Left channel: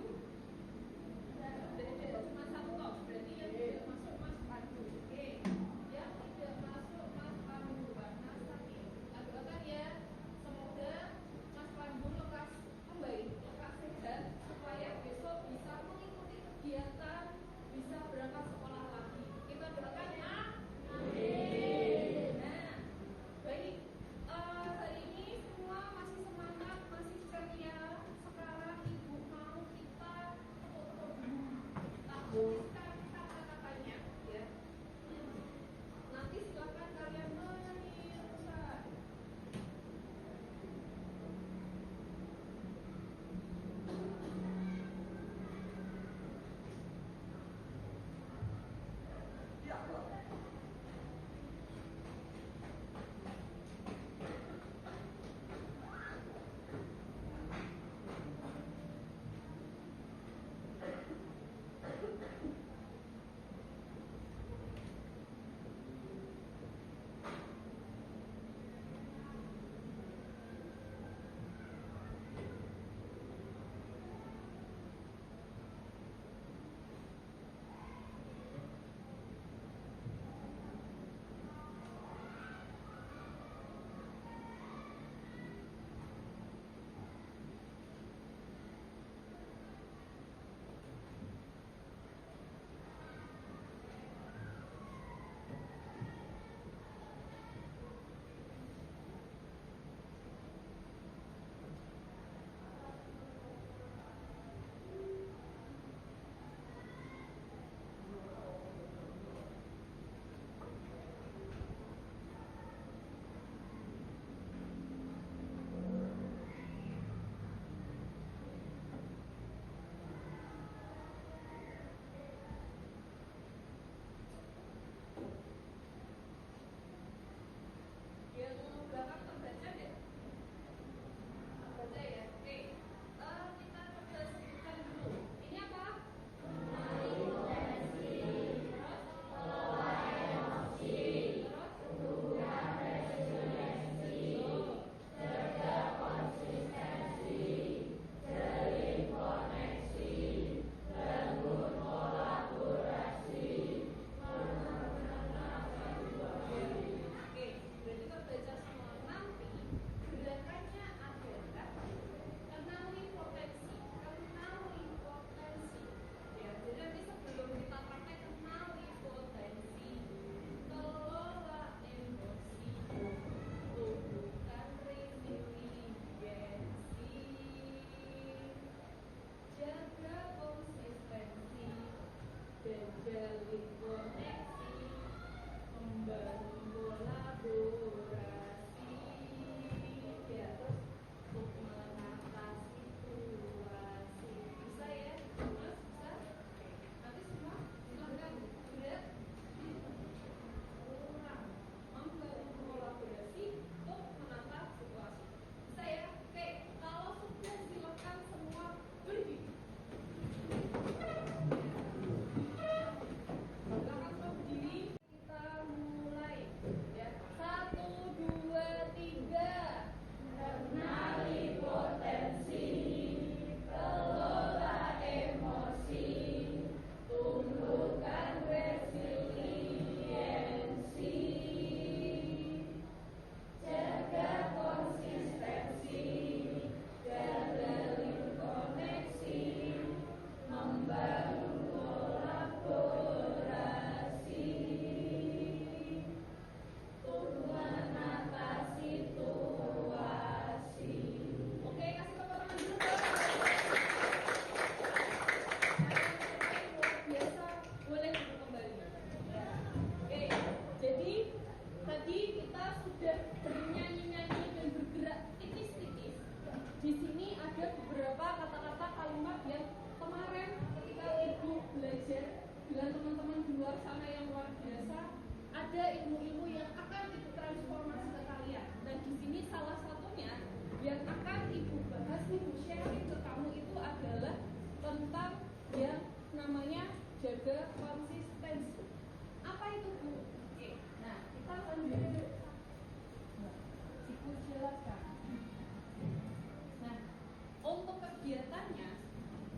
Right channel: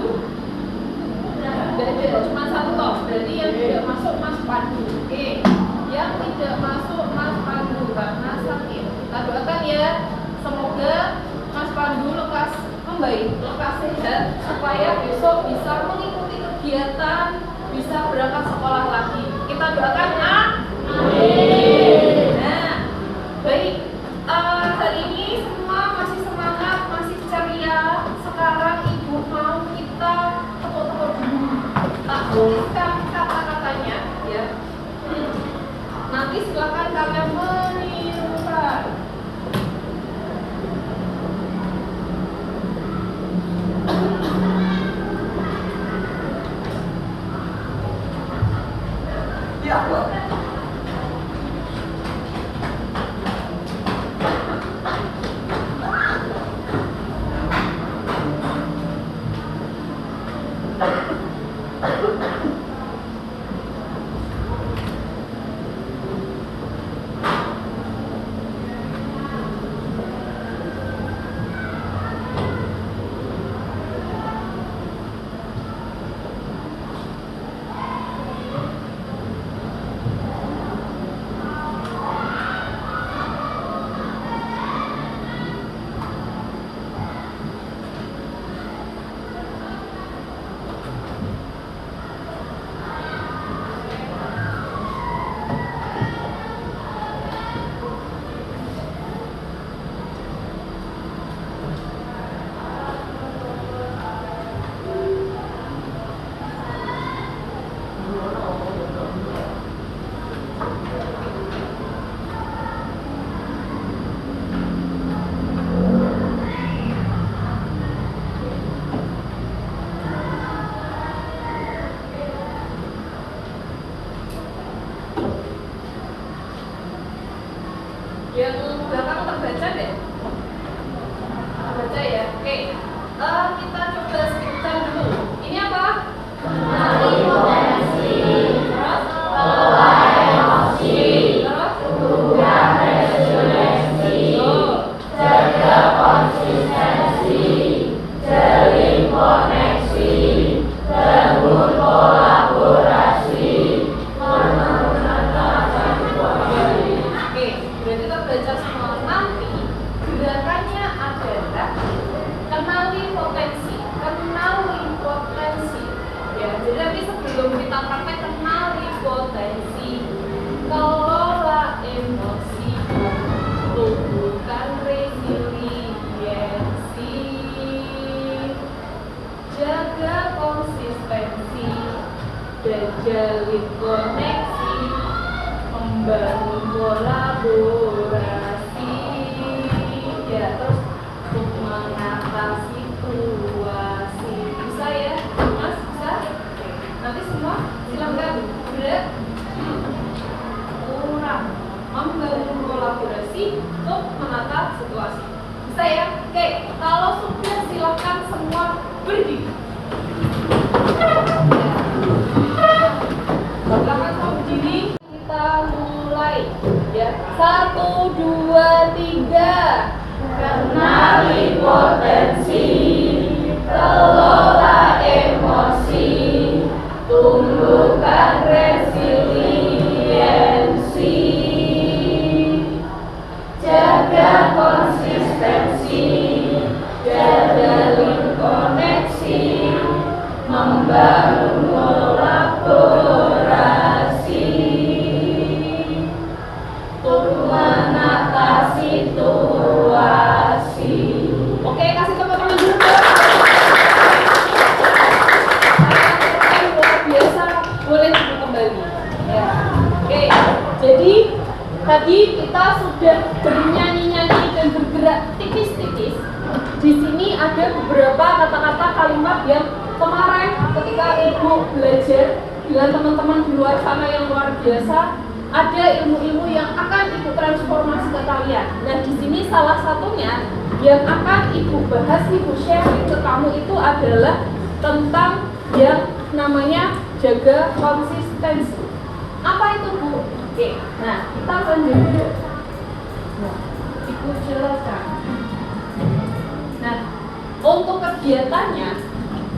Pandu? Tidak ada, cuma satu toh. Berarti yang tidak masuk Mas Pandu. Oke. Yang tidak masuk Mas Pandu karena sakit. Kita doakan ya, semoga Mas Pandu lekas membaik, lekas sehat, supaya besok bisa mengikuti kegiatan, bisa berangkat sekolah lagi. Kita doakan, amin. Nah, baik. Hari ini semua masih semangat, masih ceria. Sekarang Ibu mau kita tepuk-tepuk dulu. Tak tuliskan kata-katanya, ya. Nanti silakan kalian menirukan. Ya, Pak. Yang belakang terbaca deh. Terbaca ya. Oke. Kita coba sebutkan dulu. Ini apa? Kenali potensi. Terus kelola emosi. Terus ubah resiliensi. Jaga konsistensi. Jalin koneksi. Bangun kolaborasi. Berarti kita belajar semua. Nanti gerakannya adalah kenali potensi, ya. Jadi nanti sebelum kita praktek kenali potensi, kelola emosi, tumbuhkan resiliensi, jaga konsistensi, dan jalin koneksi, membangun kolaborasi, ya. Terus untuk mengatasi situasi. Bisa ya, Mas? Bisa? Oke. Nanti semua silakan gerak. Kurang membangun kolaborasi untuk menata situasi. Bisa ya? Oke. Kalau sudah silakan semua berdiri. Silakan semua berdiri. Kita mulai, ya. 1, 2, 3. Kenali potensi, kelola emosi, tumbuhkan resiliensi, jaga konsistensi, jalin koneksi, membangun kolaborasi, untuk menata situasi. Oke, kasih tepuk tangan dulu. Luar biasa, boleh duduk kembali. Ya. Oke, jadi tadi kita sudah bernyanyi-nyanyi dan bergerak tipis-tipis. Di sini ada beberapa kata-kata kalimat yang kemarin ketika Ibu belajar dengan teman-teman di luar sana yang luar biasa, ada ilmu-ilmu yang akan Ibu transformasi ke kalian. Nah, di sini salah satunya yang akan Ibu bahas, Ibu sharing ke kamu itu adalah tentang yang namanya jaga konsistensi. Apa itu, Bu? Oke, nah kita lanjut dulu. Nah, Ibu jelaskan. Nah, untuk kegiatannya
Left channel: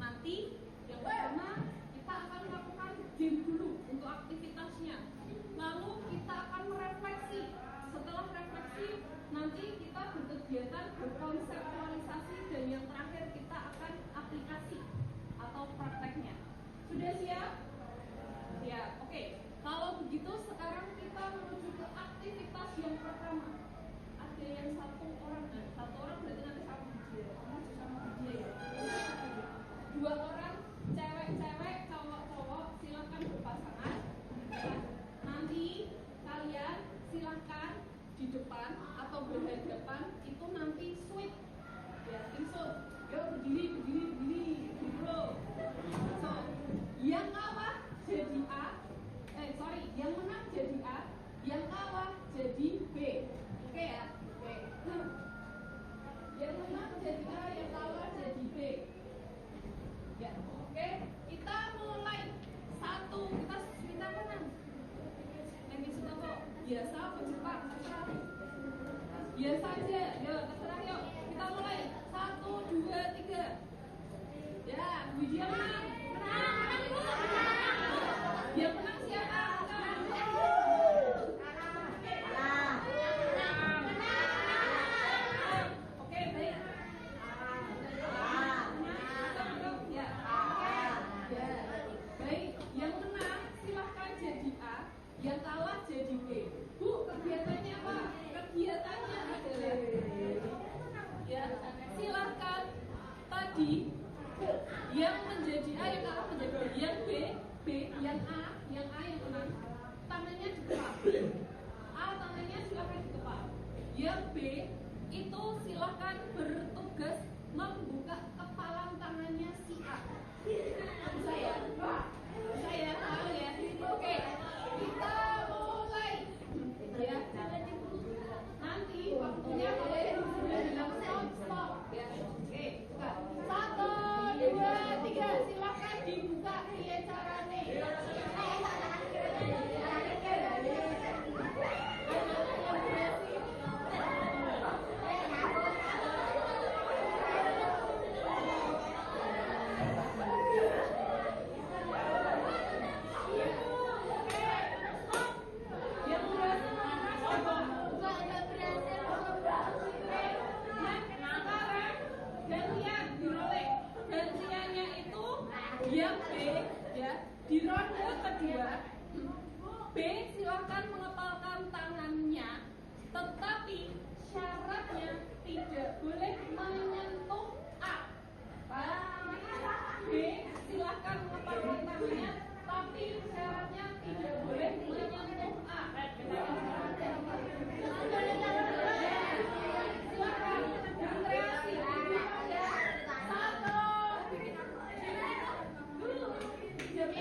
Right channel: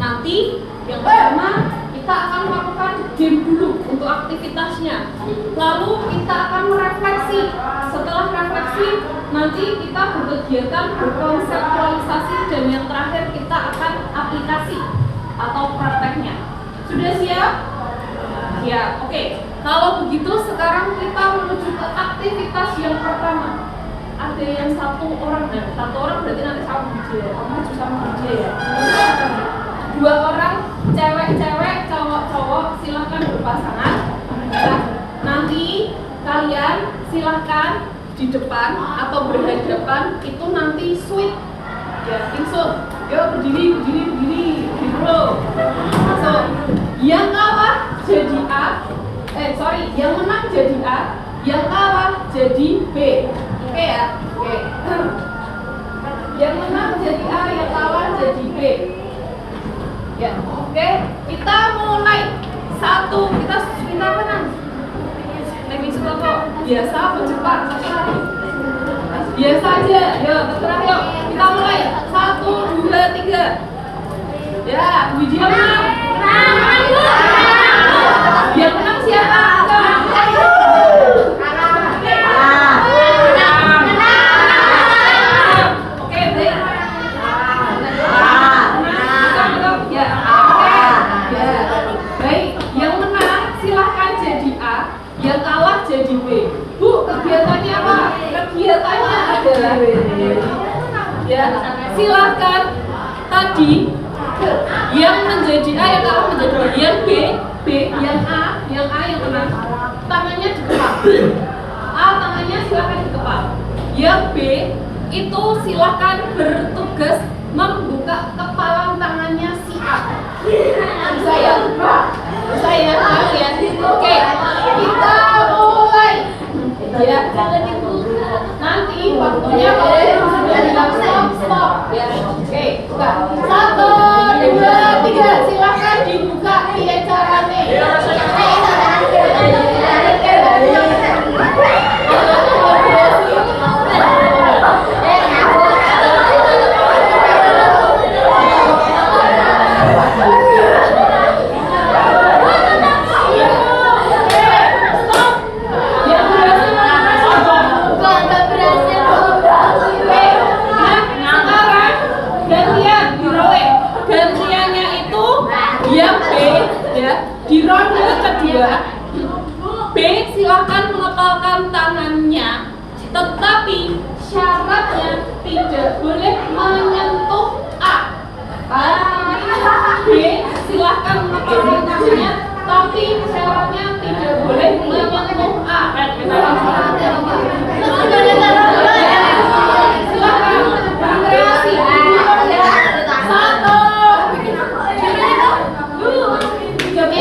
nanti Nanti yang pertama kita akan melakukan game dulu untuk aktivitasnya. Lalu kita akan merefleksi. Setelah refleksi, nanti kita berkegiatan berkonseptualisasi dan yang terakhir kita akan aplikasi atau prakteknya. Sudah siap? Ya, oke. Kalau begitu sekarang kita menuju ke aktivitas yang pertama. Ada yang satu orang berarti nanti sama DJ ya. Kamu juga sama DJ ya. 2 orang, cewek-cewek, cowok-cowok, silahkan berpasangan. Nah, nanti kalian silahkan di depan atau berhadapan itu nanti switch ya, langsung. Yuk berdiri bro. So, yang kalah jadi A. Yang menang jadi A, yang kalah jadi B. Oke ya? Oke. Yang menang jadi A, yang kalah jadi B. Ya, oke. Kita mulai. Kita menang. Lebih suka kok. Biasa apa cepat? Biasa aja. Yuk, terserah yuk. Kita mulai. 1, 2, 3. Ya, Widya menang. Yang menang siapa? Yang kalah jadi B. Bu, kegiatannya apa? Kegiatannya adalah ya, silakan tadi yang menjadi A, yang kalah menjadi B, yang B, yang A yang menang. Tangannya dikepal. A tangannya silakan dikepal. Yang B itu silakan bertugas membuka kepalan tangannya si A. Saya ya. Oke, kita mulai. Ya, nanti waktunya kalau sudah bilang stop ya. Oke, buka. 1, 2, 3, silakan dibuka via caranya. Di ronde kedua, B silakan mengepalkan tangannya, tetapi syaratnya tidak boleh menyentuh A. B silakan mengepalkan tangannya, tapi syaratnya tidak boleh menyentuh A. Silakan berkreasi. 1, 2, 3.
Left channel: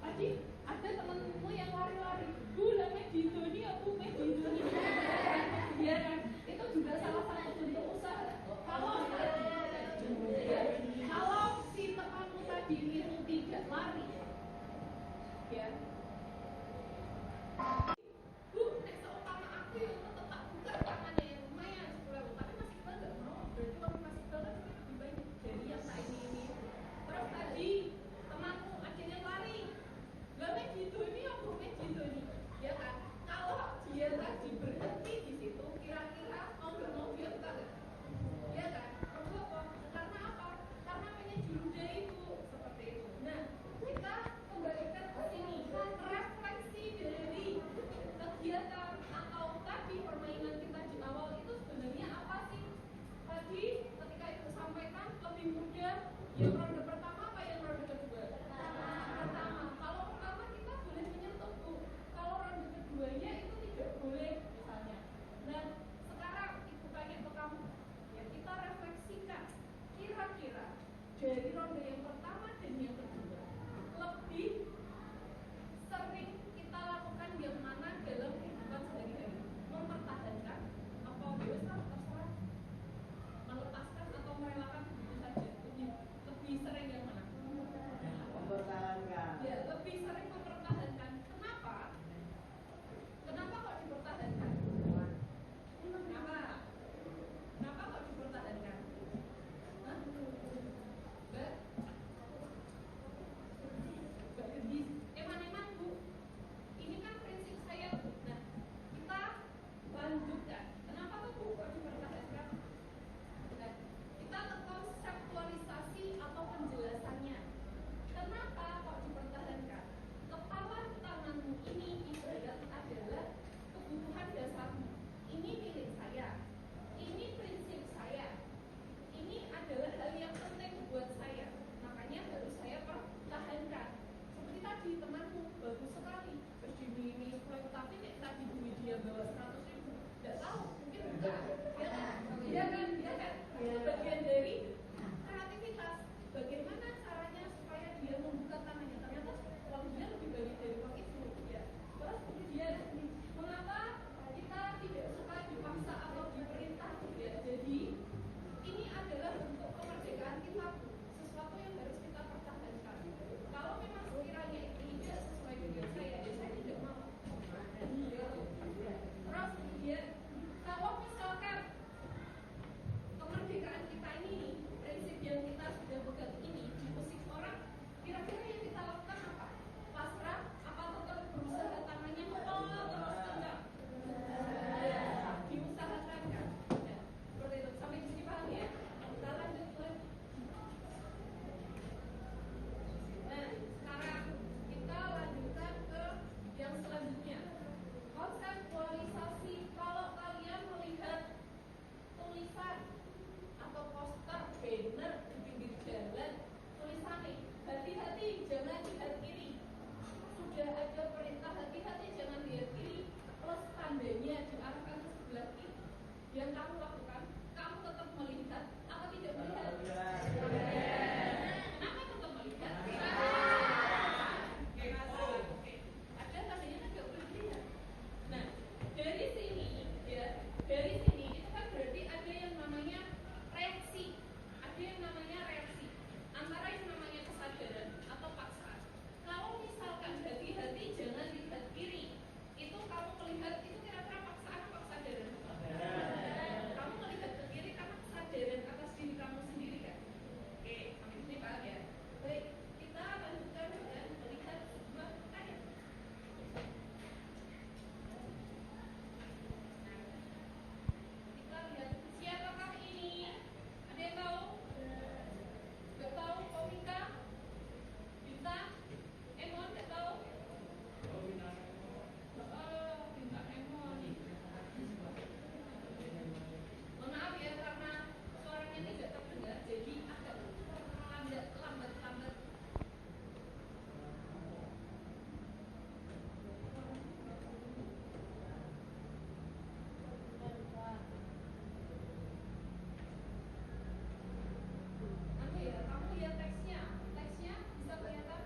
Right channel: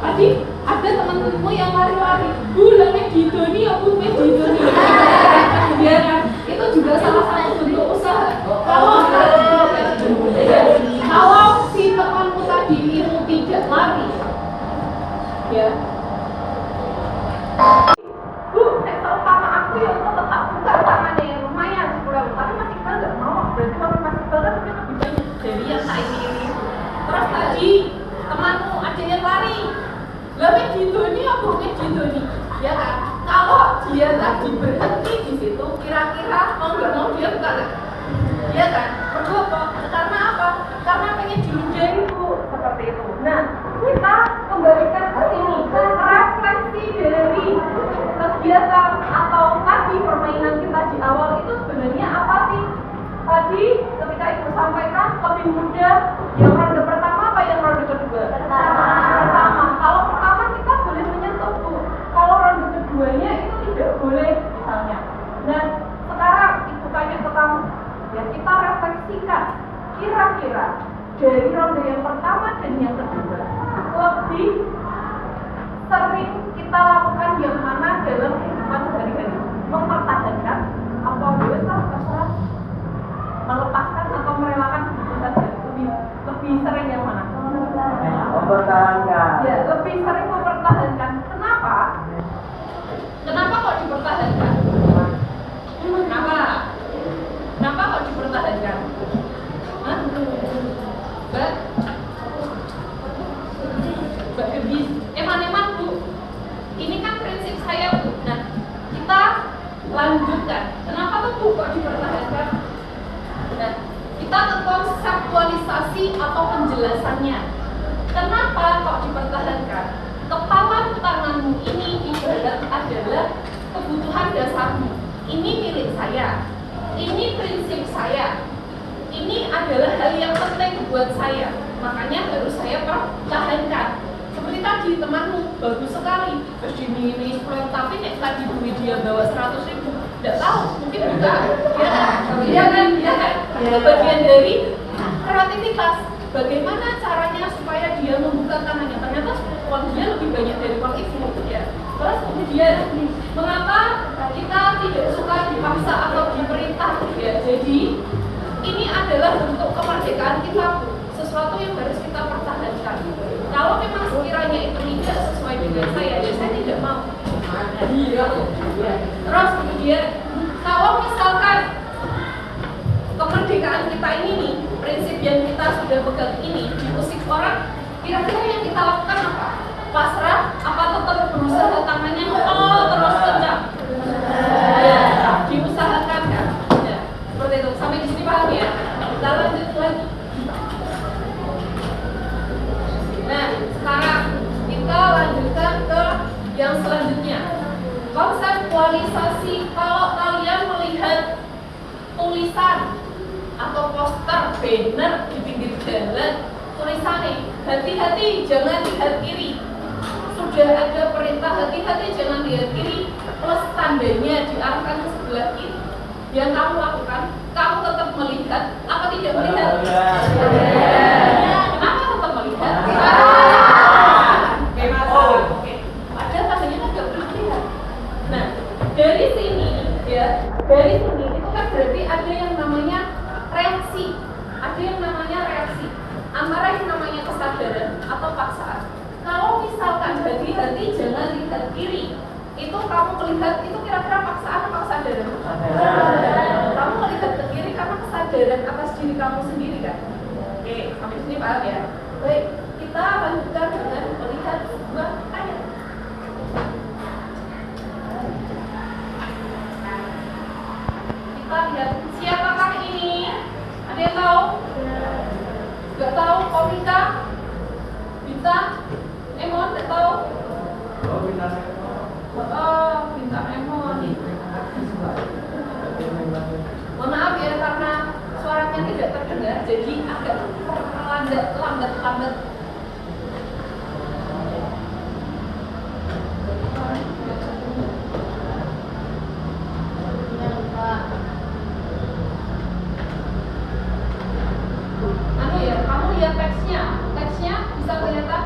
Tadi ada teman-temanmu yang lari-lari, Bu, lemeh didoni ya Bu, lemeh didoni. Ya kan? Itu juga salah satu bentuk usaha. Kalau si temanmu tadi itu tidak lari, ya. Bu, nek seumpama aku ya untuk tetap buka tangannya yang lumayan 10.000, tapi Mas Iqbal nggak mau. Berarti kalau Mas Iqbal kan mungkin lebih banyak dari yang tak ini. Terus tadi temanmu ada yang lari, lebih didoni apa lebih didoni, ya kan? Kalau dia tadi berhenti di situ, kira-kira mau nggak mau dia buka nggak? Ya kan? Berdua apa? Karena apa? Karena pengen diludahi Bu, seperti itu. Nah, kita kembalikan ke sini, refleksi dari kegiatan atau tadi permainan kita di awal itu sebenarnya apa sih? Tadi ketika Ibu sampaikan lebih mudah yang ronde pertama apa yang ronde kedua? Pertama. Kalau pertama kita boleh menyentuh Bu. Kalau ronde keduanya itu tidak boleh misalnya. Nah, sekarang Ibu tanya ke kamu, ya kita refleksikan kira-kira dari ronde yang pertama dan yang kedua lebih sering kita lakukan yang mana dalam kehidupan sehari-hari? Mempertahankan apa terserah melepaskan atau merelakan keputusan lebih sering yang mana? Mempertahankan. Ya, lebih sering mempertahankan. Kenapa? Kenapa kok dipertahankan? Kenapa? Kenapa kok dipertahankan? Hah? Mbak Gebis, eman-eman Bu. Ini kan prinsip saya Bu. Nah, kita lanjutkan. Kenapa tuh Bu kok dipertahankan? Nah, kita ke konseptualisasi atau penjelasannya. Kenapa kok dipertahankan? Kepala tanganmu ini ibarat adalah kebutuhan dasarmu. Ini milik saya. Ini prinsip saya. Ini adalah hal yang penting buat saya. Makanya harus saya pertahankan. Seperti tadi temanmu bagus sekali, terus dimilih 10, tapi nek tadi duit dia bawa 100.000, tidak tahu, mungkin enggak. Ya kan? Itu bagian dari kreativitas. Bagaimana caranya supaya dia membuka tangannya? Ternyata uang dia lebih banyak dari uang itu, ya. Terus kemudian mengapa kita tidak suka dipaksa atau diperintah? Ya, jadi ini adalah bentuk kemerdekaan kita, sesuatu yang harus kita pertahankan. Kalau memang sekiranya itu tidak sesuai dengan saya, ya saya tidak mau. Terus kemudian kalau misalkan kemerdekaan kita ini nih, prinsip yang kita sudah pegang ini diusik orang, kira-kira yang kita lakukan apa? Pasrah? Apa tetap berusaha tangannya terus kencang? Ya, diusahakan kan? Ya, seperti itu. Sampai di sini paham ya? Kita lanjut lagi. Nah, sekarang kita lanjutkan ke yang selanjutnya. Konseptualisasi. Kalau kalian melihat tulisan atau poster, banner di pinggir jalan, tulisannya hati-hati jangan lihat kiri. Sudah ada perintah hati-hati jangan lihat kiri, plus tandanya diarahkan ke sebelah kiri. Yang kamu lakukan, kamu tetap melihat apa tidak melihat? Kenapa tetap melihat? Oke. Padahal tandanya agak berlebihan. Nah, dari sini ya, dari sini itu kan berarti ada yang namanya reaksi, ada yang namanya reaksi antara yang namanya kesadaran atau paksaan. Kalau misalkan hati-hati jangan lihat kiri, itu kamu melihat itu kira-kira paksaan atau kesadaran? Kamu melihat ke kiri karena kesadaran atas diri kamu sendiri kan? Oke, sampai sini paham ya? Baik, kita lanjutkan dengan melihat sebuah ayat. Kita lihat siapakah ini? Ada yang tahu? Gak tahu? Komika? Bisa? Emon? Gak tahu? Oh, bintang Emon. Mohon maaf ya karena suaranya tidak terdengar, jadi agak lambat. Anu ya, kamu lihat teksnya bisa kelihatan?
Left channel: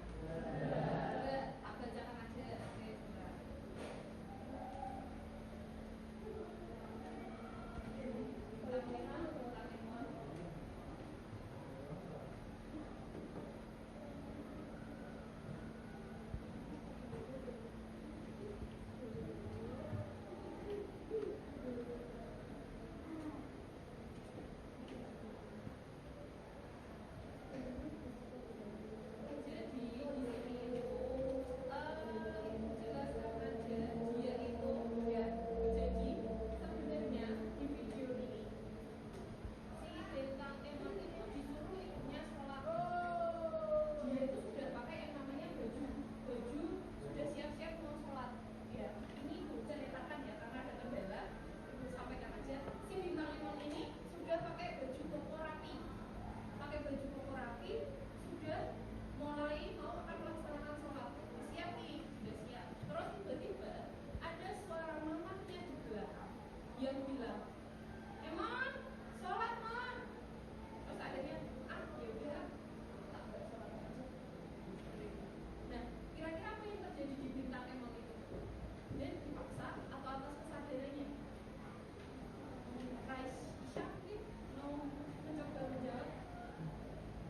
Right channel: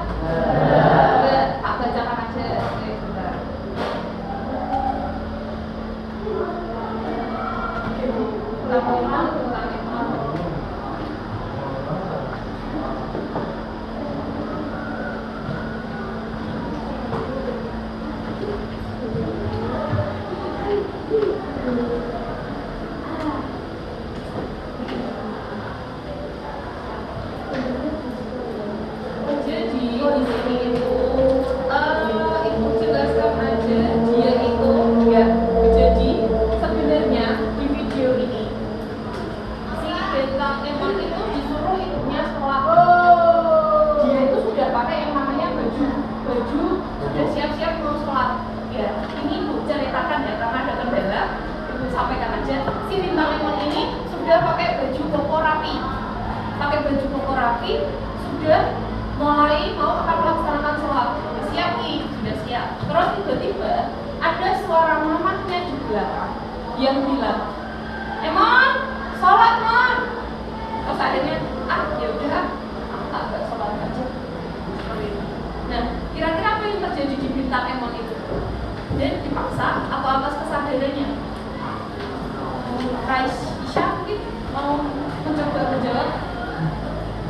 tapi sudah mulai mau akan melaksanakan sholat. Siap nih, sudah siap. Terus tiba-tiba ada suara mamahnya di belakang yang bilang, "Mon, sholat Mon." Terus akhirnya, ya udah, aku tak sholat aja. Nah, kira-kira apa yang terjadi di bintang Emon itu? Dan dipaksa atau atas kesadarannya? Raisya mungkin mau mencoba menjawab.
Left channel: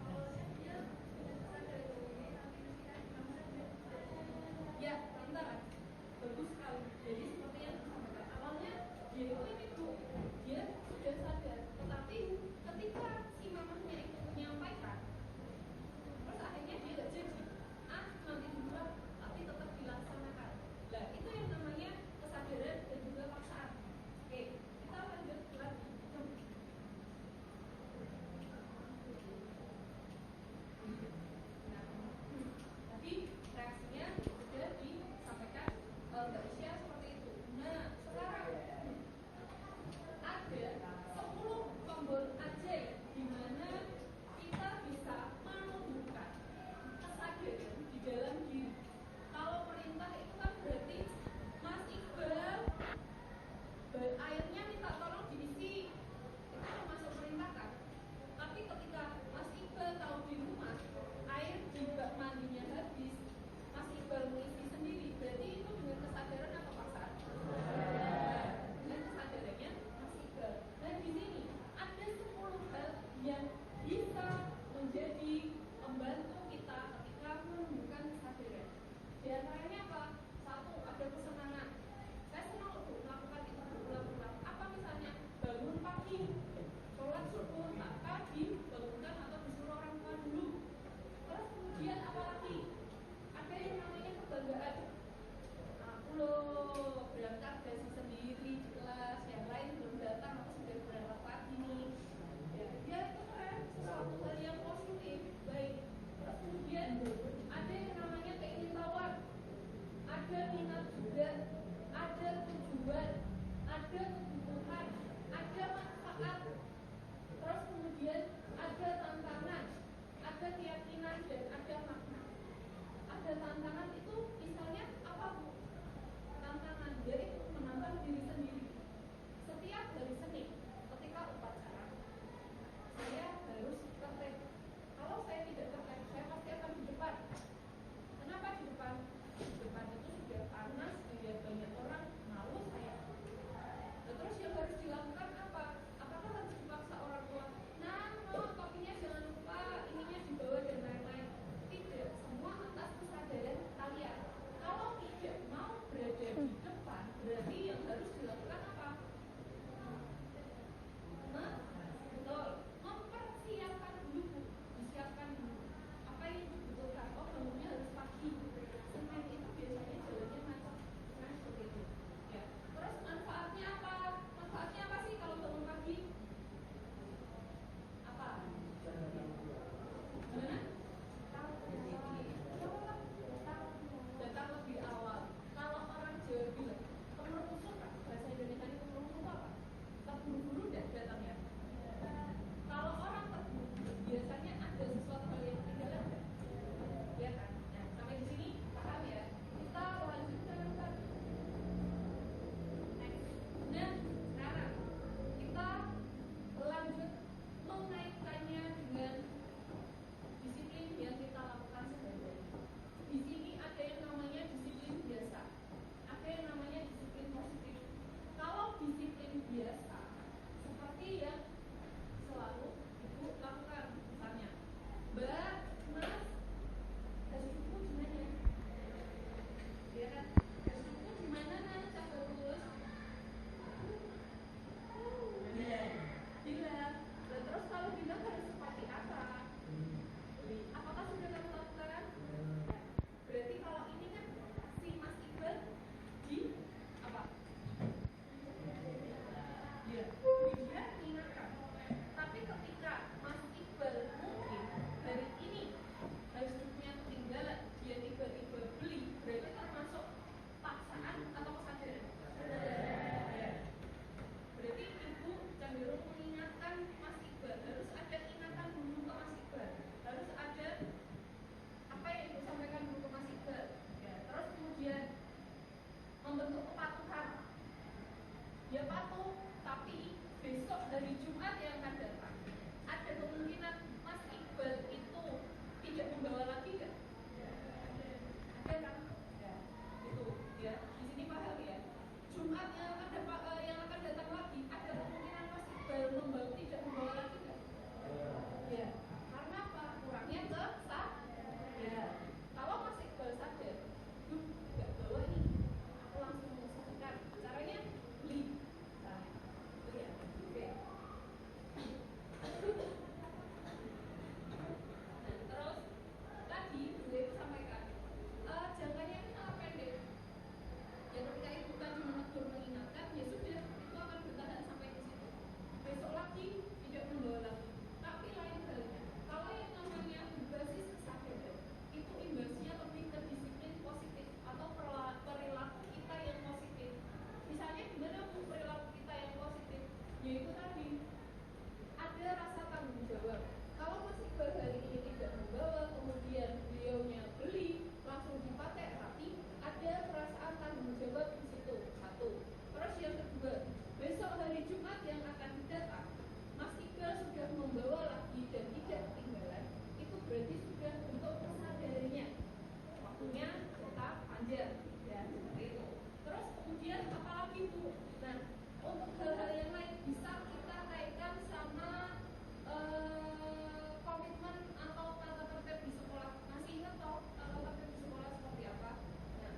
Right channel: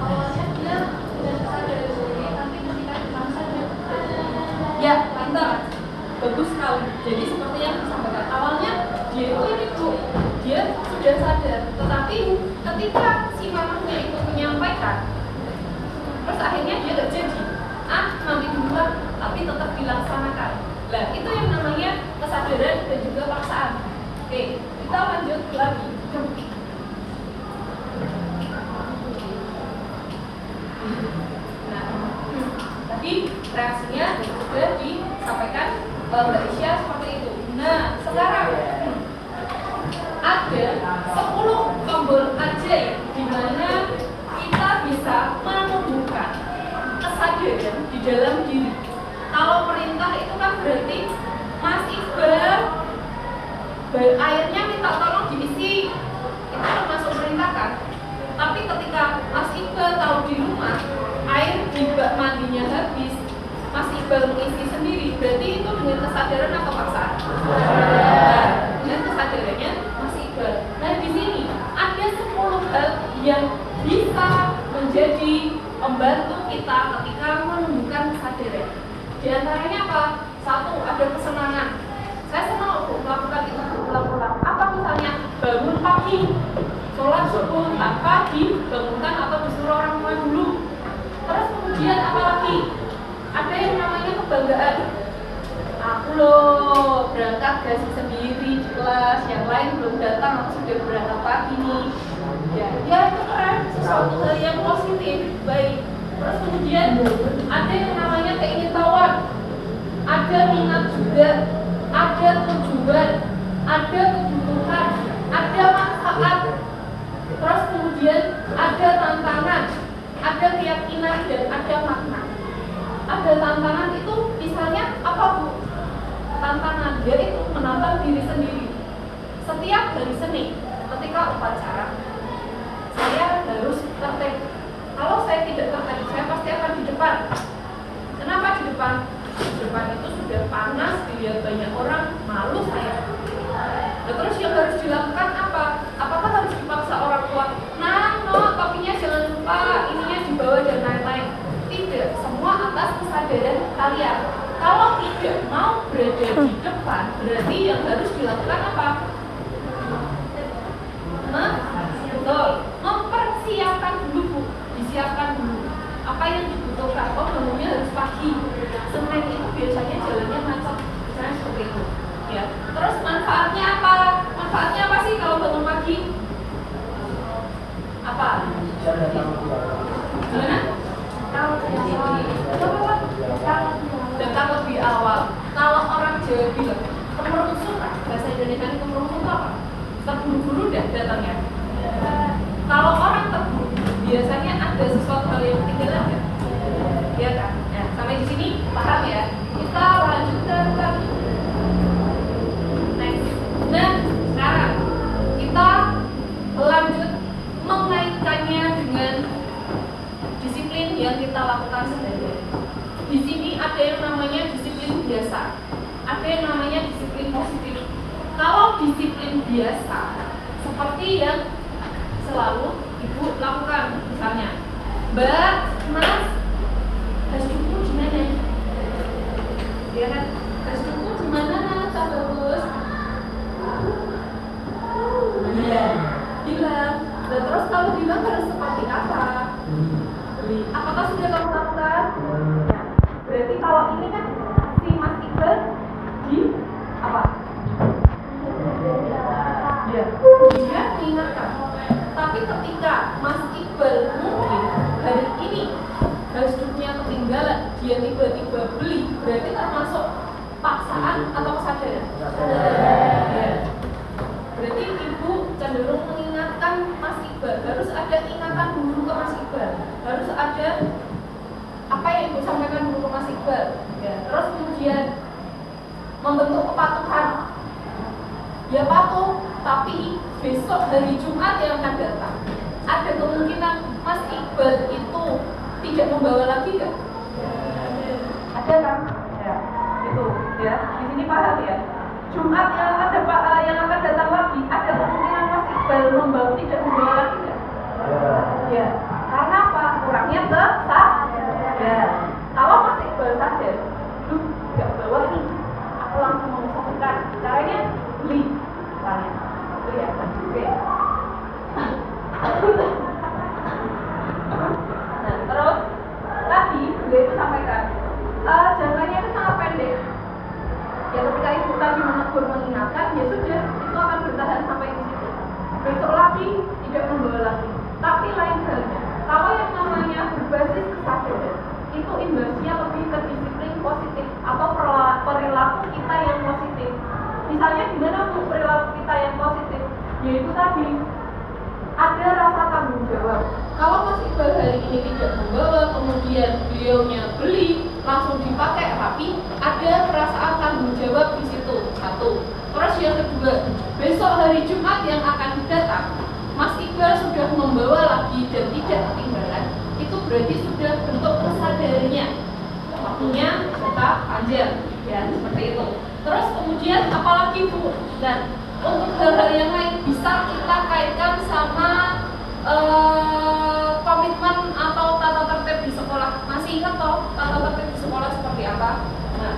Awalnya dia sudah sadar sendiri, tapi ketika dipaksa dia Ya, pintar, bagus sekali. Jadi seperti yang disampaikan awalnya, dia itu dia sudah sadar, tetapi ketika si mamahnya itu menyampaikan, terus akhirnya dia gak jadi. Mami duluan, tapi tetap dilaksanakan. Nah, itu yang namanya kesadaran dan juga paksaan. Oke, kita lanjut lagi. Nah, tadi reaksinya sudah disampaikan Mbak Isya seperti itu. Nah, sekarang ada 10 tombol ajaib di mana kita bisa menumbuhkan kesadaran di dalam diri. Kalau perintah itu kan berarti Mas Iqbal airnya minta tolong diisi, itu termasuk perintah kan? Tapi ketika Mas Iqbal tahu di rumah air di bak mandinya habis, Mas Iqbal mengisi sendiri, berarti itu dengan kesadaran atau paksaan? Nah, dengan kesadarannya Mas Iqbal. Nah, di sini ada 10 hal yang bisa menjadi membantu kita ketika menumbuhkan kesadaran. Di antaranya apa? 1, ada kesenangan. Saya senang untuk melakukan itu berulang-ulang. Apa misalnya bangun pagi, sholat subuh tanpa dibangunkan atau disuruh orang tua dulu. Terus kemudian apa lagi? Ada yang namanya kebanggaan. Aku loh berangkat gaji sendiri di kelas, yang lain belum datang, aku sudah berangkat pagi nih. Ya itu keren, sesuatu hal yang positif, baik. Terus kemudian ada yang namanya keingintahuan, ada minat juga, ada tujuan, ada kebutuhan, ada manfaat. Terus kemudian ada tantangan, ada keyakinan dan ada makna. Ada tantangan itu misalnya apa Bu? Tantangan yaitu menantang diri sendiri. Setiap hari Senin ketika upacara saya harus tertib. Kalau saya tidak tertib, saya pasti akan di depan. Kenapa di depan? Di depan itu sudah panas, dilihat banyak orang, malu saya. Nah, terus yang harus dilakukan apa? Apakah harus dipaksa orang tua? Nah, no, topinya jangan lupa, ininya dibawa dan lain-lain. Tidak, semua atas kesadaran kalian. Kalau tidak mau berada di depan, berarti yang harus dilakukan apa? Betul, mempersiapkan dulu Bu, disiapkan dulu. Apa yang dibutuhkan? Oh, bangunnya harus pagi. Senin itu biasanya jalannya macet, misalnya seperti itu. Ya. Terus manfaatnya apa? Manfaatnya apa sih kalau bangun pagi? Apa? Gimana? Datang lebih awal. Kalau orang Jawa bilang kemerungsung, bahasa Indonesia ini kemerungsung itu apa? Terburu-buru dan datangnya. Kalau orang terburu, biasanya ada sesuatu hal yang ketinggalan kan? Ya kan? Nah, sampai di sini paham ya? Kita lanjutkan lagi. Next. Nah, sekarang kita lanjut mengaitkannya dengan disiplin yang kita lakukan sehari-hari. Di sini ada yang namanya disiplin biasa, ada yang namanya disiplin positif. Kalau disiplin biasa, seperti yang selalu Ibu lakukan, misalnya, Mbak, Mas, gas cukup di mana? Ya kan, gas cukup di mana, Cak Bagus? Bilang. Dan terus kalau bilang harus seperti apa? Apakah sudah kamu lakukan? Ya. Berarti kalau ini kan si Mas Iqbal di apa? Ya, dia mengingatkan. Tapi ketika Mas Iqbal mungkin hari ini gasduknya ketinggalan, dia tiba-tiba beli, berarti termasuk paksaan atau kesadaran? Ya. Berarti Ibu cenderung mengingatkan Mas Iqbal, harus ada ingatan dulu ke Mas Iqbal, harus sampaikan dulu ke Mas Iqbal. Ya. Terus kemudian membentuk kepatuhan. Ya patuh, tapi besok hari Jumat yang akan datang ada kemungkinan Mas Iqbal itu tidak membawa lagi nggak? Ada kan? Ya, itu ya. Di sini paham ya. Jumat yang akan datang lagi ada kemungkinan Mas Iqbal tidak membawa lagi nggak? Ya. Karena apa? Kurangnya ya. Kalau Mas Iqbal sadar, nggak bawa nih, aku langsung mengusahakan. Caranya beli, misalnya. Itu ya. Oke. Nah, terus tadi gue itu sampaikan jangkanya itu sangat pendek. Ya ketika ibu tadi menegur mengingatkan, ya sudah, itu akan bertahan sampai di situ. Besok lagi tidak membawa lagi. Tapi lain halnya, kalau yang namanya berbasis kesadaran, itu imbasnya lebih ke disiplin positif atau perilaku kita yang positif. Misalnya gimana perilaku kita yang positif? Yaitu tadi ada rasa tanggung jawab. Kalau Mas Iqbal hari ini tidak membawa, kemudian beliaunya beli, langsung dipakai rapi, ada perasaan tanggung jawab di situ. Satu. Terus yang kedua, besok hari Jumat yang akan datang, Mas Iqbal sudah membawa lagi dan tidak ketinggalan. Itu berarti sudah bentuk kesadarannya. Waktunya tetap panjang, ya seperti itu. Terus kemudian apalagi Bu? Dan untuk hal-hal yang lain bisa kita kaitkan sama komitmen atau tata tertib di sekolah. Masih ingat toh tata tertib di sekolah seperti apa? Nah,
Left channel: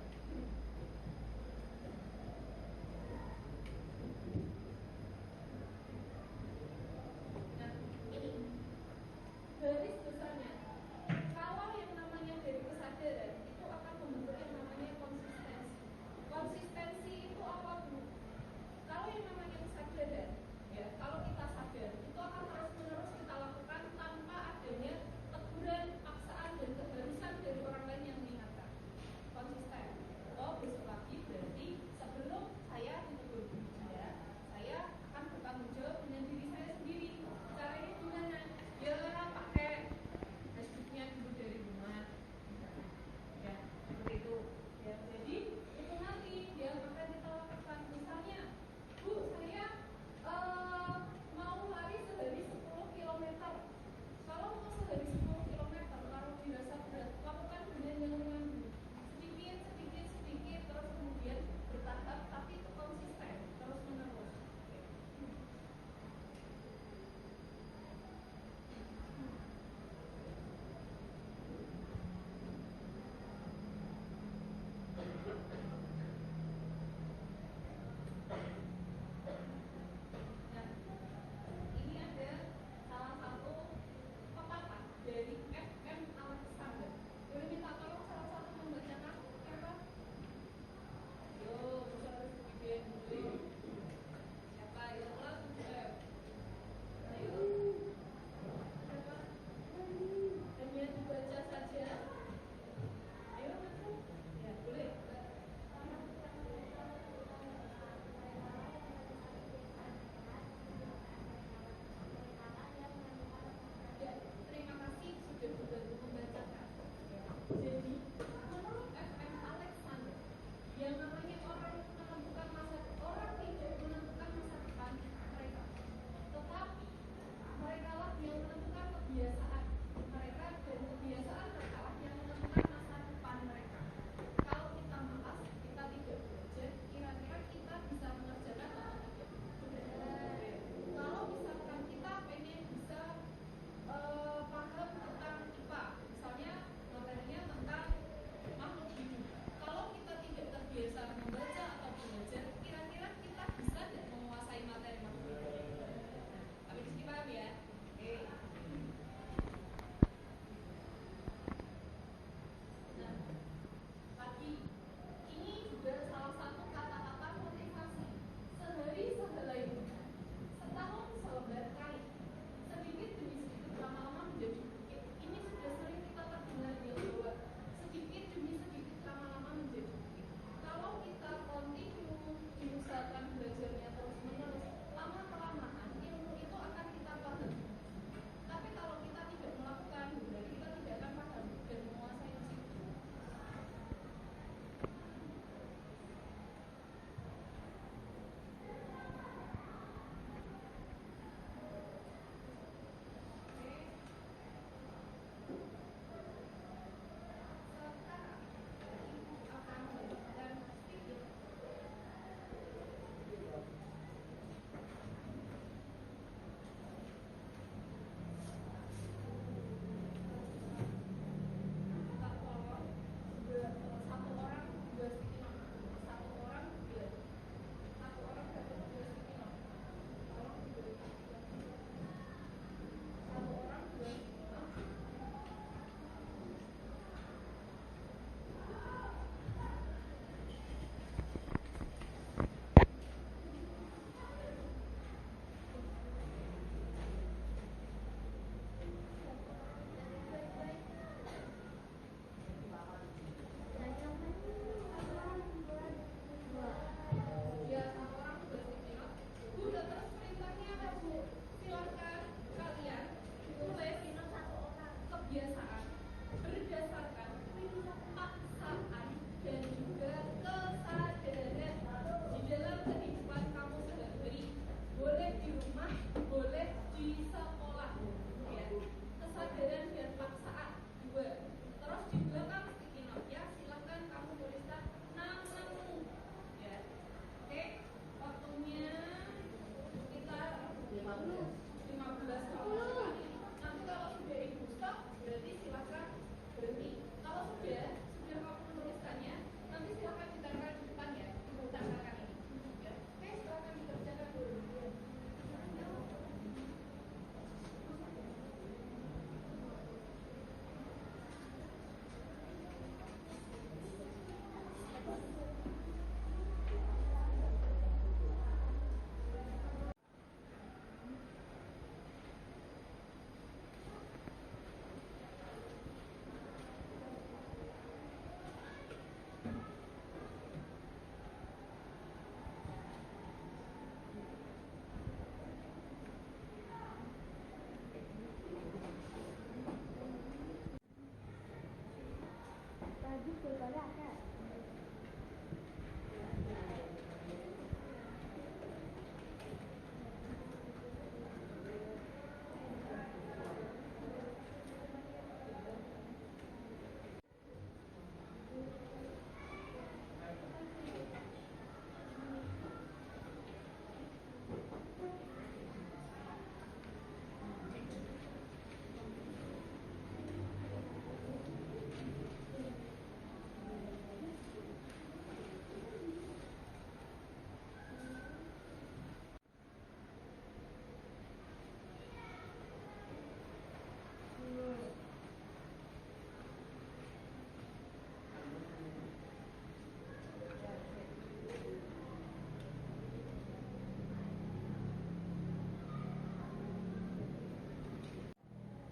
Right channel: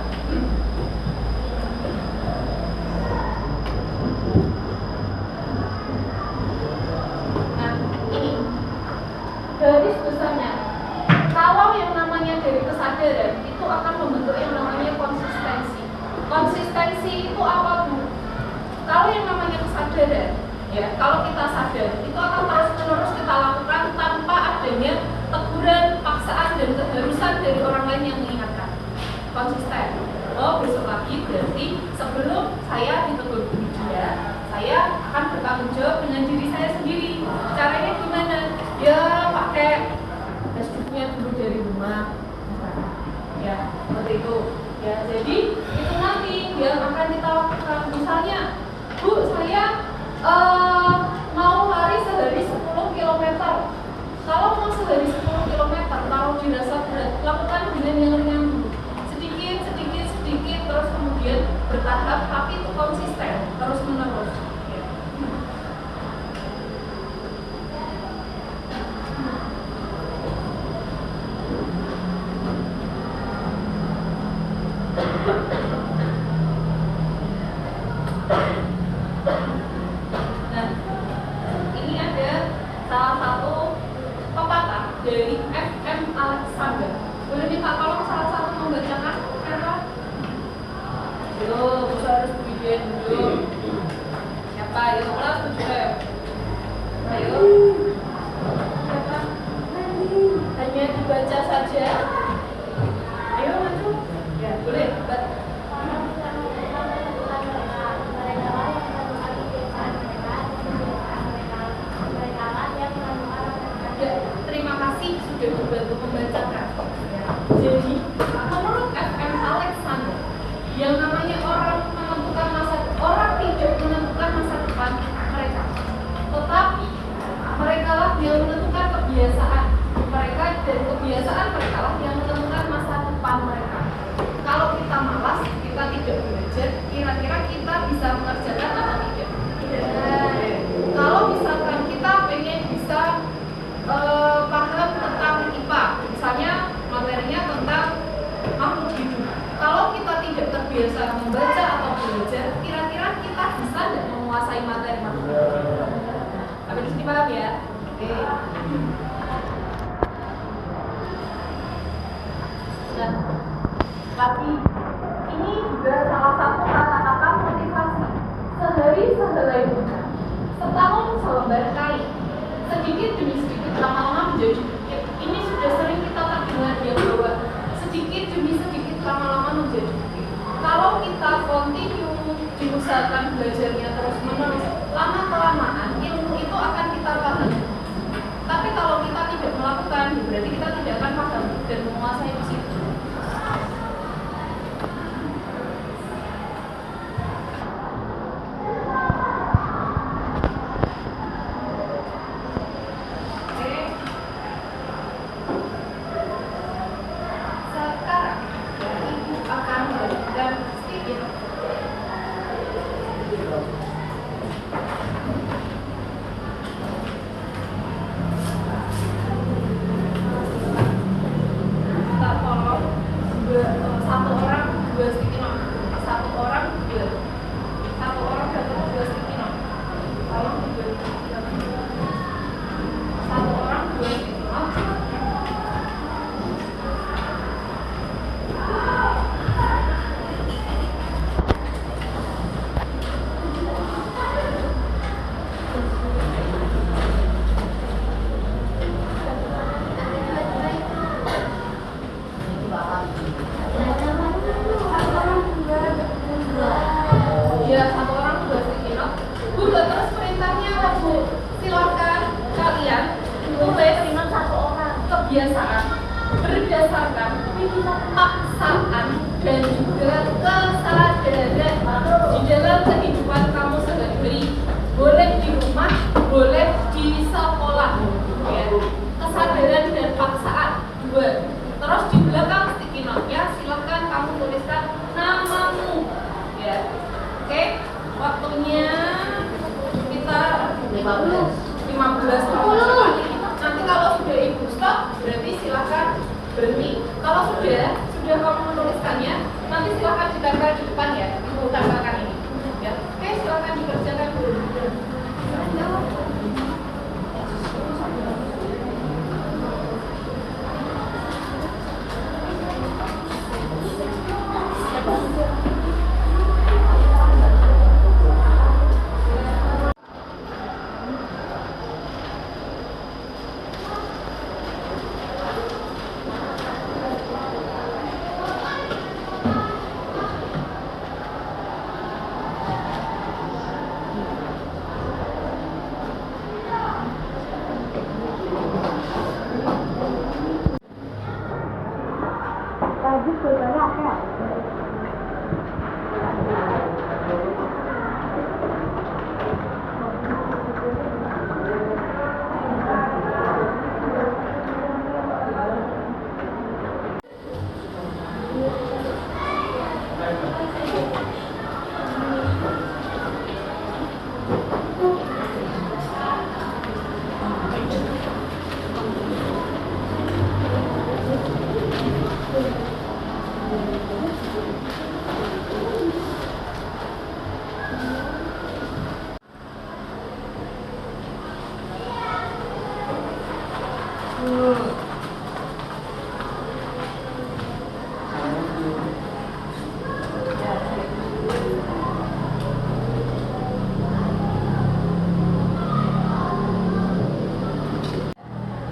ini garis besarnya. Kalau yang namanya dari kesadaran itu akan membentuk yang namanya konsistensi. Konsistensi itu apa Bu? Kalau yang namanya kesadaran, ya kalau kita sadar itu akan terus-menerus kita lakukan tanpa adanya teguran, paksaan dan keharusan dari orang lain yang mengingatkan. Konsisten. Oh besok lagi berarti sebelum saya ditegur dia, saya akan bertanggung jawab dengan diri saya sendiri. Caranya gimana? Ya pakai Facebooknya dulu dari rumah, ya seperti itu. Ya jadi itu nanti yang akan kita lakukan. Misalnya, Bu, saya mau lari sehari 10 km. Kalau mau sehari 10 km, kalau dirasa berat, lakukan dengan yang ringan dulu. Sedikit, terus kemudian bertahap, tapi itu konsisten, terus menerus. Nah, ini ada salah satu pepatah dari F.M. Alexander. Boleh minta tolong salah satu membacakan siapa? Yo, bisa harus bikin dulu. Siapa? Yo, kelas 7. Ayo. Siapa? Hanya dibaca saja. Ayo maju. Ya, boleh. Terima kasih sudah membantu membacakan. Jadi, menurut F.M. Alexander, yang namanya orang tidak menentukan masa depan mereka, tetapi mereka lah yang menentukan kebiasaan mereka dan kebiasaan mereka lah yang menentukan masa depan mereka. Kalau kita malas, kita tidak belajar, kira-kira kita bisa mengerjakan atau tidak? Tidak. Kalau misalkan kita pengen bisa paham tentang IPA, misalnya materinya tentang makhluk hidup. Kalau kita tidak terbiasa membaca atau belajar, kira-kira kita bisa tidak menguasai materi makhluk hidup? Sampai di sini paham ya? Oke. Nah, lagi ini juga salah satu kata-kata motivasi. kebiasaan berdasarkan paksaan dan juga kesadaran di dalam kehidupan kamu sehari-hari, boleh di rumah, boleh di sekolah, ya. Kesadaran dan paksaan 2. Terus di belakang sticky note-nya silahkan kamu tuliskan namamu, ya. Oke, waktunya kita 15 menit. Nanti kalau sudah ibu stop, berarti silahkan berhenti. Kalau sudah kamu menuliskannya, nanti silahkan ditempel di depan ya, ibu tambahkan ini. Ya, oke, silahkan dikerjakan dulu.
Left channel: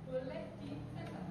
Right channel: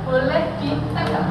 Boleh ditempel.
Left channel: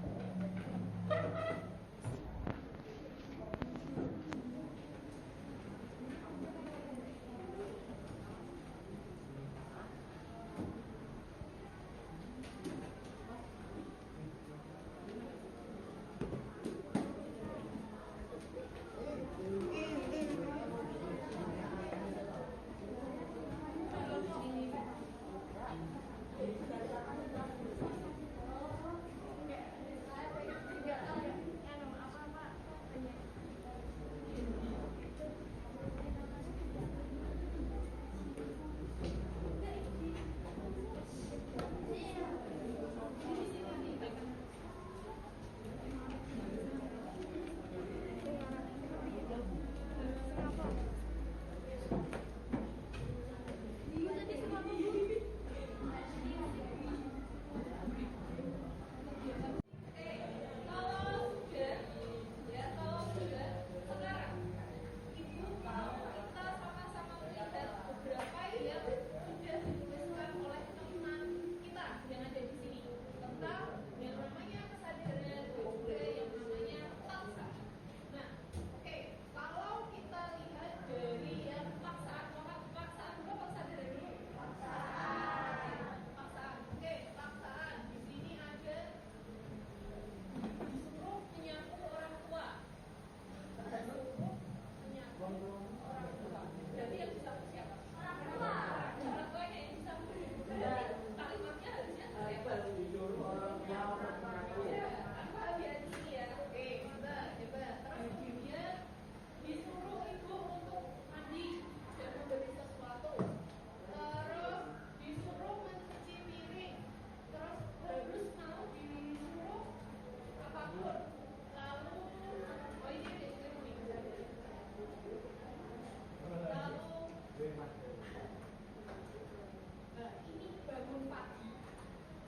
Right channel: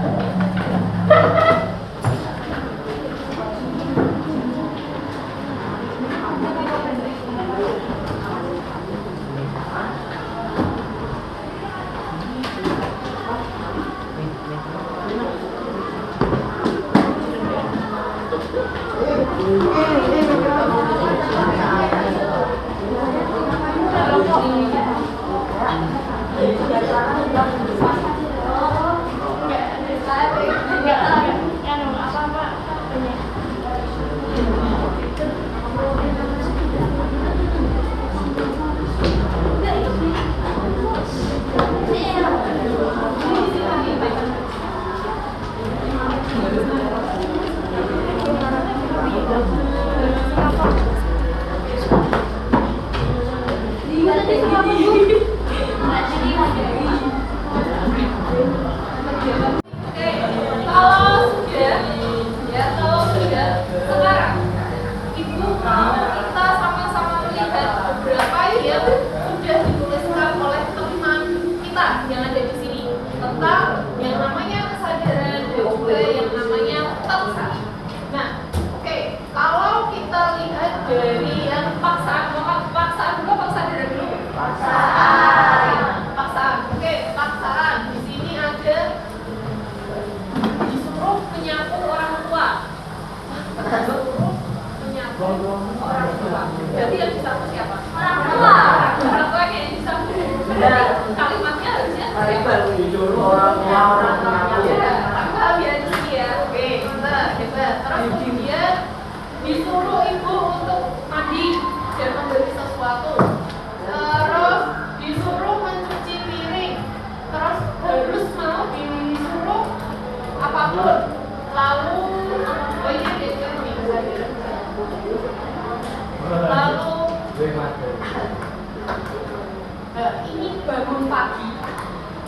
Ini bangun pagi,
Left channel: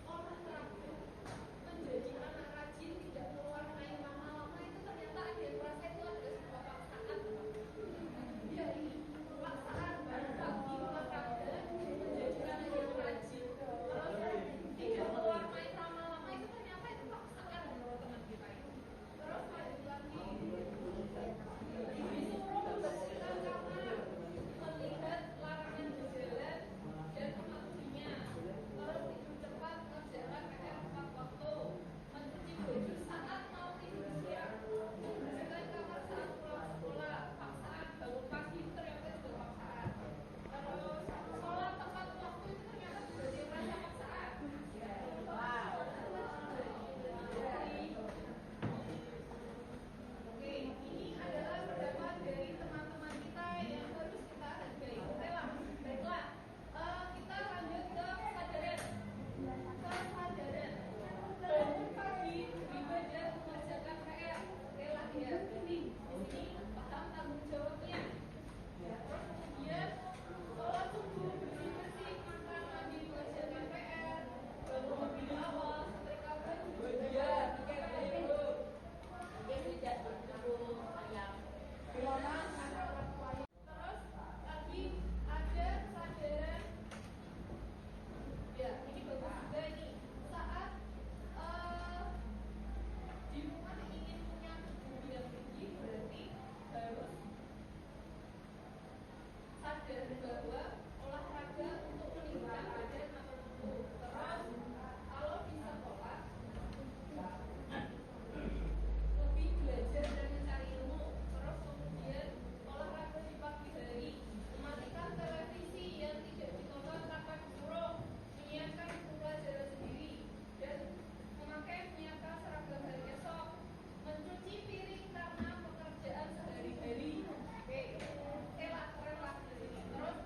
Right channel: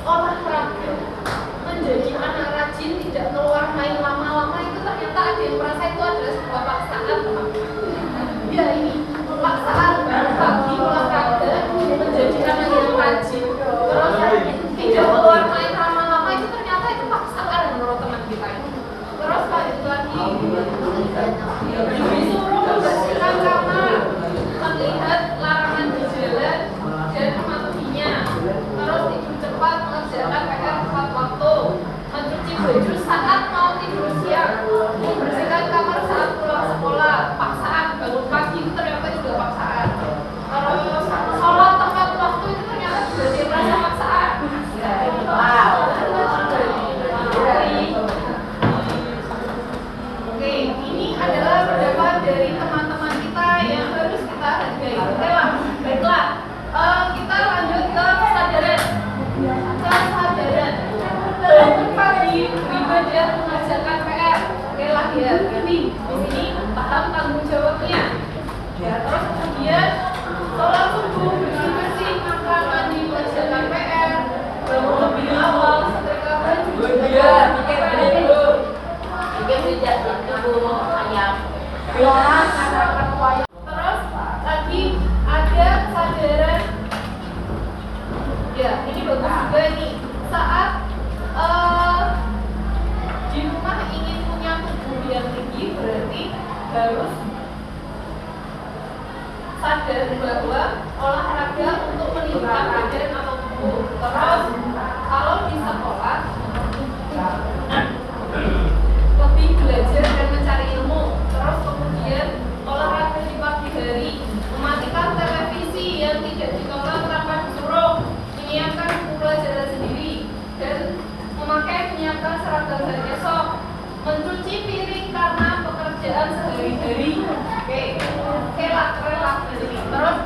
olahraga, menjadi anak rajin, tidak keluar main lama-lama, itu ternyata ada yang merasa itu adalah sebuah paksaan, teman. Ya, ini paksaan bangun pagi, olahraga, menjadi anak yang rajin, terus tidak keluar main lama-lama, itu ternyata itu paksaan menurut teman kita ini. baju saat mau tidur siang, membersihkan kamar saat pulang sekolah, paksaan, bangun pagi itu ternyata juga paksaan. Terus sholat tepat waktu itu ternyata juga dirasa paksaan. Oke, ini adalah pendapat dari teman-teman kita yang harus kita hargai. Oke lah, baiklah. Kita lanjut ke kesadaran. Kesadaran. Bangun pagi, beribadah, mengerjakan PR. Oke lah ya, berarti di sini paham tanggung jawabnya. Ya, terus kemudian sholat subuh, bersih-bersih, makan, mandi, mengerjakan PR, bangun lebih awal, setrika baju, terus lagi ada kesadaran. Ya, ini bagus juga nih. Saat di rumah ingin punya tubuh yang tinggi, berarti harus sadar bahwa olahraga untuk meningkatkan badan atau tubuh. Terus kalau di sekolah lebih belajar dan mencari ilmu. Terus kemudian olahraga di pagi hari, mematikan televisi yang tidak ditonton tanpa disuruh, menyiapkan buku pelajaran sendiri, dan menyiapkan seragam hari esok, mencuci piring karena pekerjaan sehari-hari. Oke lah, keren lah di sini. Terus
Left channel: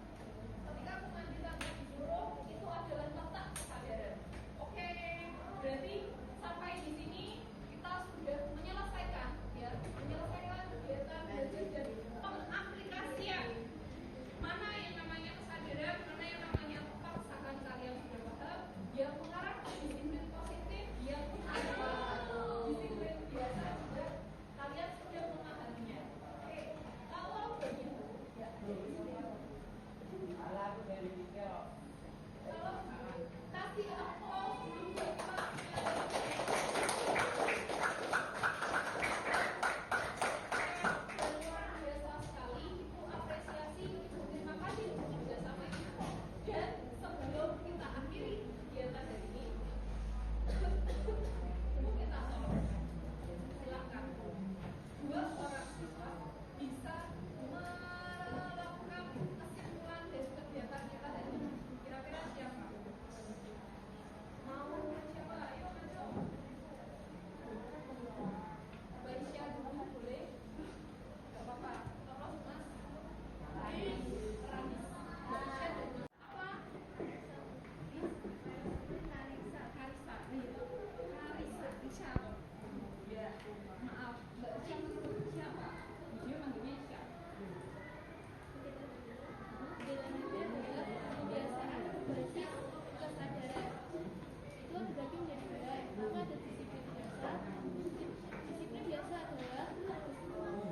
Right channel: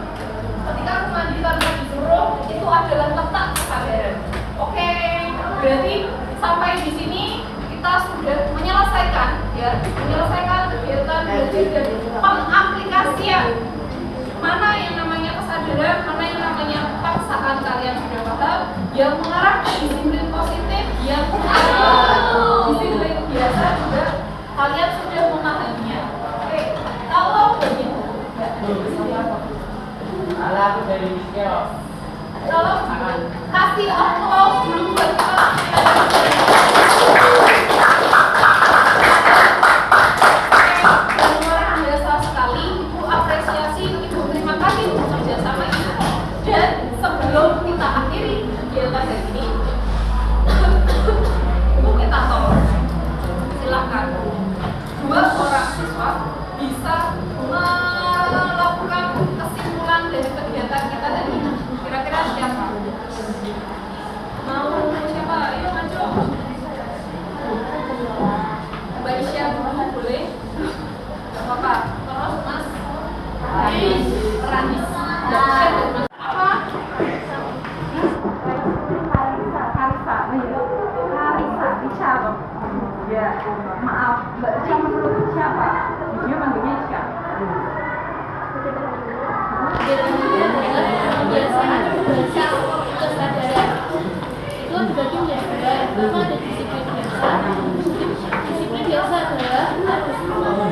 ketika mandi tanpa disuruh, itu adalah letak kesadaran. Oke, berarti sampai di sini kita sudah menyelesaikan kegiatan belajar dan pengaplikasian. Mana yang namanya kesadaran, mana yang namanya paksaan, kalian sudah paham. Yang mengarah ke disiplin positif, yang disiplin biasa juga kalian sudah memahaminya. Oke, kalau begitu, kalau kasih applause dulu buat kita. Luar biasa sekali, Ibu apresiasi, Ibu terima kasih untuk kerjasama ini. Dan sebelum kita akhiri kegiatan hari ini, Ibu kita tolong, silakan dua orang siswa bisa melakukan kesimpulan dari kegiatan kita hari ini. Kira-kira siapa? Mau siapa? Ayo maju. Mbak Isya dulu boleh? Apa? Terus Mas Ranis. Apa? Karisa, Isya. Ya, maaf, Mbak Isya menurut siapa? Dia manggilnya Isya. Kebiasaan bahasa kesadaran itu dibagi menjadi dua. Yang pertama ada disiplin biasa. Disiplin biasa adalah ada kemampuan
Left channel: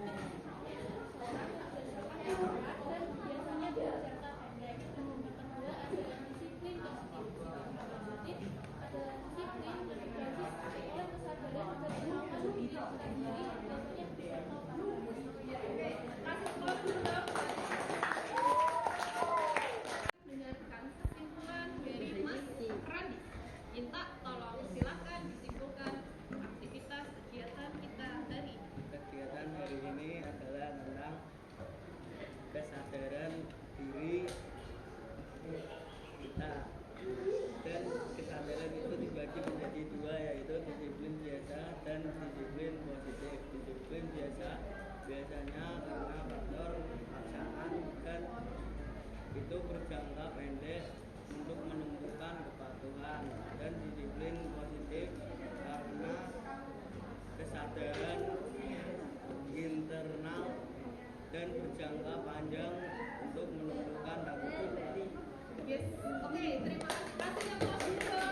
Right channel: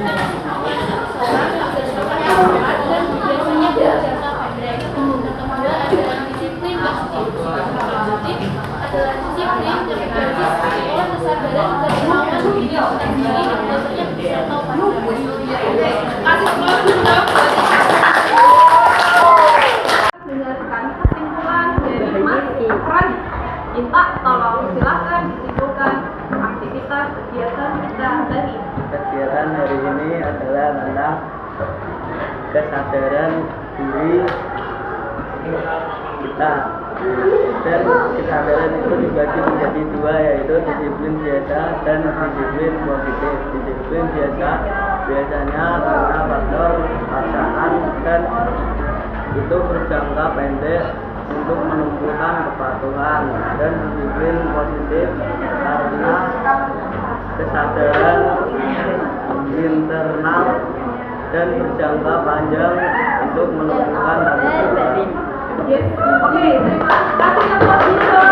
seorang yang berdasarkan aturan dan biasanya berjangka pendek. Yang kedua adalah disiplin positif. Positif adalah disiplin yang berbasis pada kesadaran dan kemauan diri sendiri yang biasanya beserta pada Kasih applause dulu dong. Dengarkan kesimpulan dari Mas Ranis. Minta tolong silakan disimpulkan aktivitas kegiatan kita tadi. Kegiatan hari ini adalah tentang kesadaran diri kita, dan kesadaran itu dibagi menjadi dua, yaitu disiplin biasa dan disiplin positif. Disiplin biasa biasanya karena faktor paksaan dan itu berjangka pendek untuk menumbuhkan kepatuhan, dan disiplin positif karena kesadaran internal dan berjangka panjang untuk menumbuhkan tanggung jawab. Yes. Oke, terima kasih.